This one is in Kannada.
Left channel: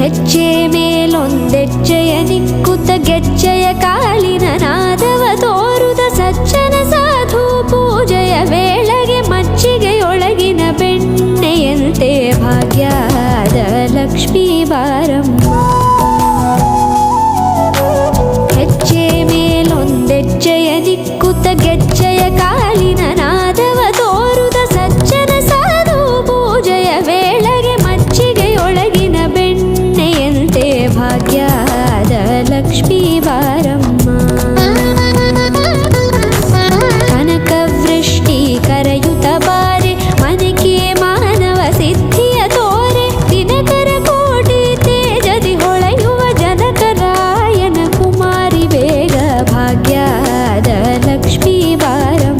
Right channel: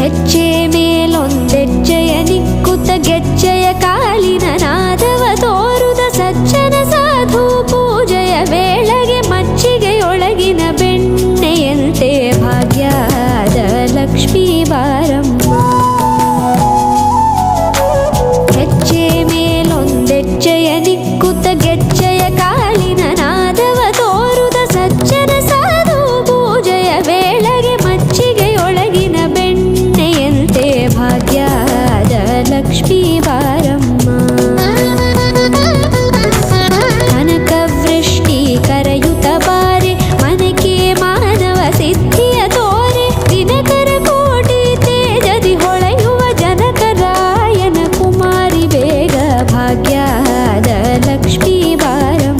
ಹೆಜ್ಜೆ ಮೇಲೊಂದೆಜ್ಜೆಯ ನಿಕ್ಕುತ ಗೆಜ್ಜೆಯ ಕಾಲಿನ ನಾದವ ತೋರುದ ಸಜ್ಜನ ಸಾಧು ಪೂಜೆಯ ವೇಳೆಗೆ ಮಜ್ಜಿಗೆಯೊಳಗಿನ ಬೆಣ್ಣೆಯಂತೆ ಭಾಗ್ಯದ ಲಕ್ಷ್ಮೀ ಬಾರಮ್ಮ. ಹೆಜ್ಜೆ ಮೇಲೊಂದೆಜ್ಜೆಯ ನಿಕ್ಕುತ ಗೆಜ್ಜೆಯ ಕಾಲಿನ ನಾದವ ತೋರುದ ಸಜ್ಜನ ಸಾಧು ಪೂಜೆಯ ವೇಳೆಗೆ ಮಜ್ಜಿಗೆಯೊಳಗಿನ ಬೆಣ್ಣೆಯಂತೆ ಭಾಗ್ಯದ ಲಕ್ಷ್ಮೀ ಬಾರಮ್ಮ. ಕನಕವೃಷ್ಟಿ ಕರೆಯುತ ಬಾರೆ ಮನಕೆ ಮಾನವ ಸಿದ್ಧಿಯ ತೋರೆ ದಿನಕರ ಕೋಟಿ ತೇಜದಿ ಹೊಳೆಯುವ ಜನಕರಾಯನ ಕುಮಾರಿ ಬೇಗ ಭಾಗ್ಯದ ಲಕ್ಷ್ಮೀ ಬಾರಮ್ಮ.